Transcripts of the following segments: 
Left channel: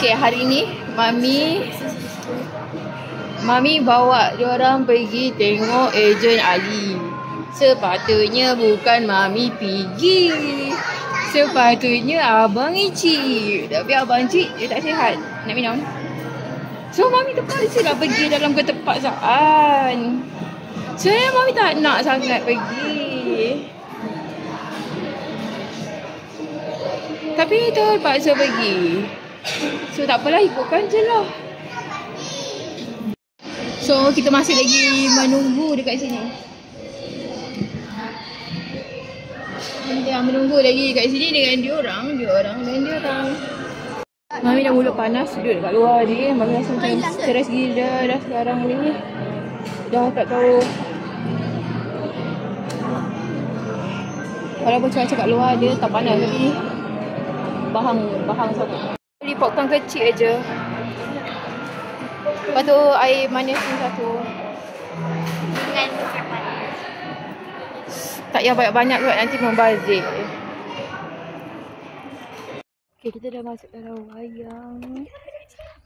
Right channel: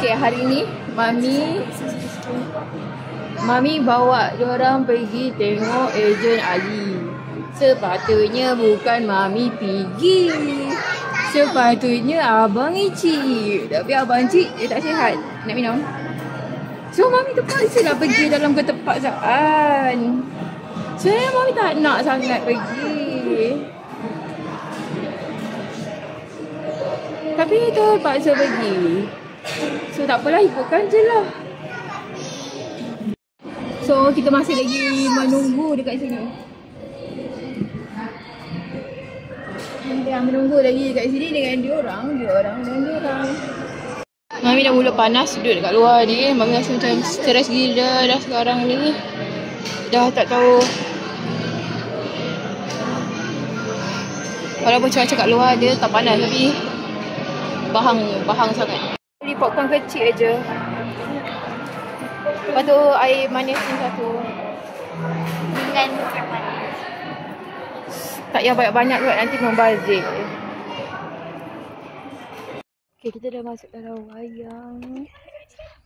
Okay, hari ni Mami bawa diorang pergi tengok ejen Ali. Sepatutnya bukan Mami pergi. Sepatutnya Abang Icik. Tapi Abang Icik dia tak sihat. Nak minum? So Mami terpaksa lah pergi dalam keterpaksaan. Sebenarnya Mami tak nak sangat pergi. Tapi terpaksa pergi. So tak apalah, ikutkan je lah. So kita masih lagi menunggu dekat sini. Kita menunggu lagi dekat sini dengan diorang. Mami dah mula panas duduk dekat luar ni. Mami rasa macam stres gila dah sekarang ni. Dah tak tahu. Walaupun cuaca kat luar dia tak panas tapi bahang sangat. Beli popcorn kecil je. Lepas tu air manis ni satu. Tak payah banyak-banyak kot, nanti membazir. Okay, kita dah masuk dalam wayang.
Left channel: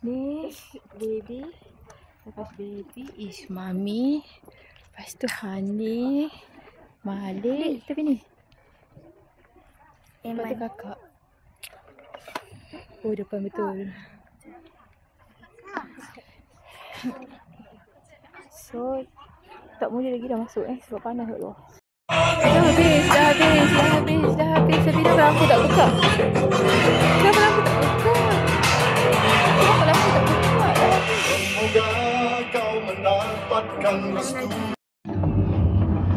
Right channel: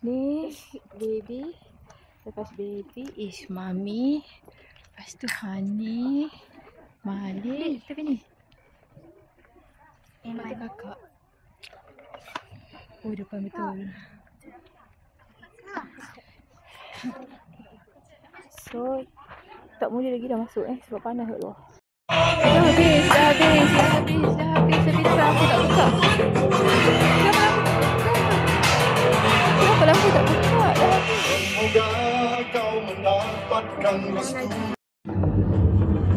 Ni baby. Lepas baby is Mami. Lepas tu Hani, Malik. Tapi ni lepas tu kakak. Oh, depan betul. So tak boleh lagi dah masuk sebab panas kat luar. Dah habis. Sebila aku tak buka. Kenapa aku tak buka? Semoga kau mendapatkan restu.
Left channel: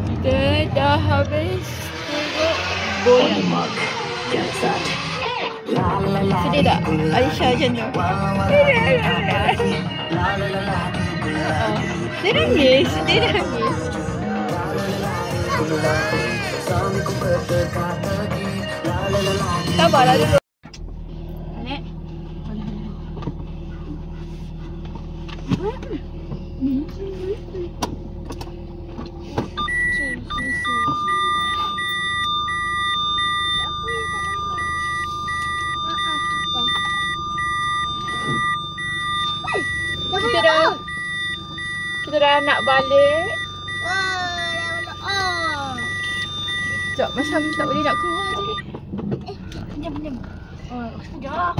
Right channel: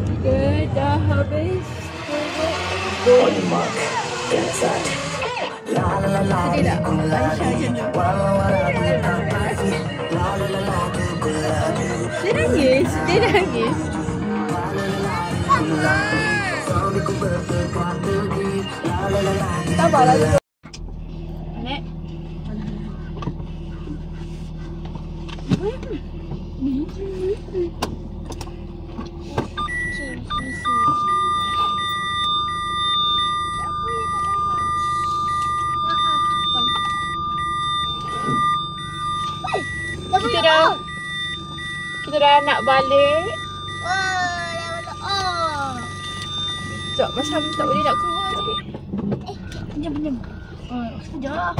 Kita dah habis tengok bola. Sedih tak? Aisyah macam tu. Dia nangis. Sabarlah dulu. Nek. Kita dah nak balik. Sekejap, macam tak boleh nak keluar tadi. Pinjam. Sekejap.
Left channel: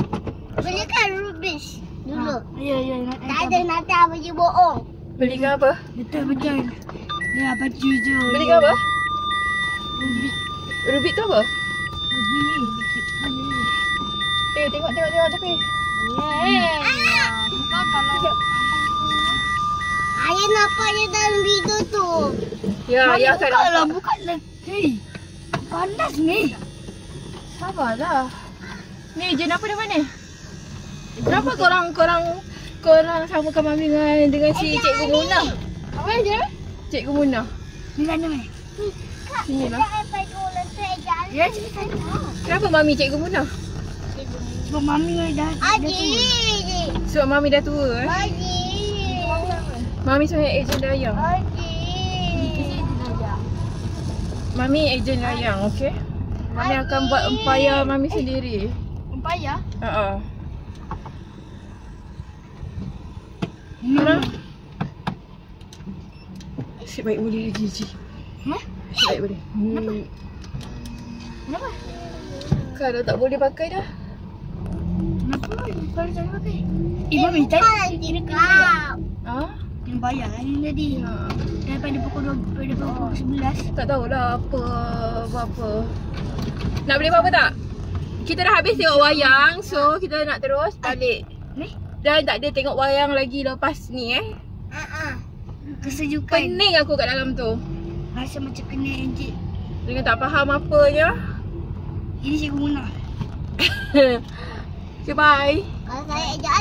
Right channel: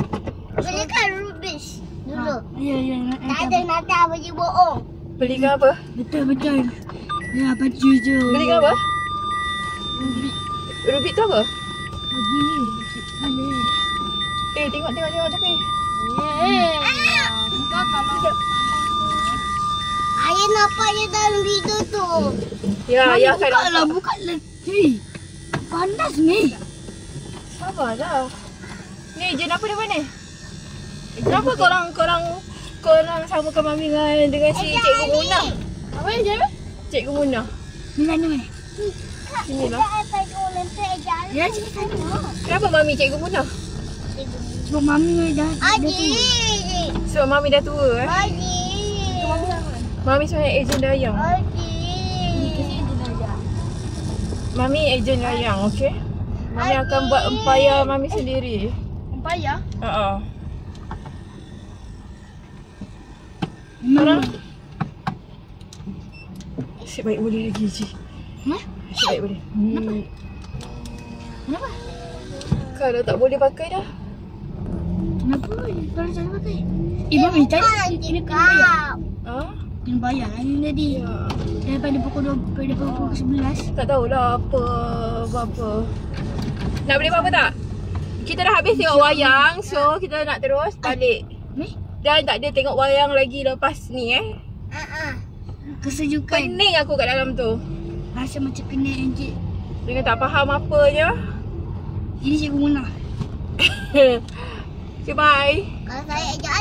Belikan rubbish dulu. Ya. Tak ada nanti abang je bohong. Belikan apa? Betul. Ya, baju je. Belikan apa? Rubik. Rubik tu apa? Bagi ni. Tengok tapi. Bukan kalau Ayah nampak je dalam video tu. Ya akan nampak. Bukanlah. Hei. Panas ni. Sabarlah. Ni ejen apa nama ni? Kenapa korang samakan Mami dengan si Cikgu Munah? Apa je? Cikgu Munah. Mana? Sini lah. Ya, sini tengok. Kenapa Mami Cikgu Munah? Sebab Mami dah Sebab Mami dah tua Mami sebenarnya ejen dayang. Mami ejen dayang, okey? Mami akan buat empayar Mami sendiri. Empayar? Mana? Asyik baik boleh lagi, Ji. Asyik baik boleh. Kenapa? Kalau tak boleh pakai dah. Kenapa? Kalau jangan pakai. Mami tadi Kena bayar lah ni tadi. Daripada pukul 11. Tak tahulah apa. Nak beli apa-apa tak? Kita dah habis tengok wayang. So kita nak terus balik. Dan tak ada tengok wayang lagi lepas ni Kesejukan. Pening aku kat dalam tu. Rasa macam kena encik. Dengan tak faham apa je. Ini Cikgu Munah. Okay, bye. Kalau saya ajak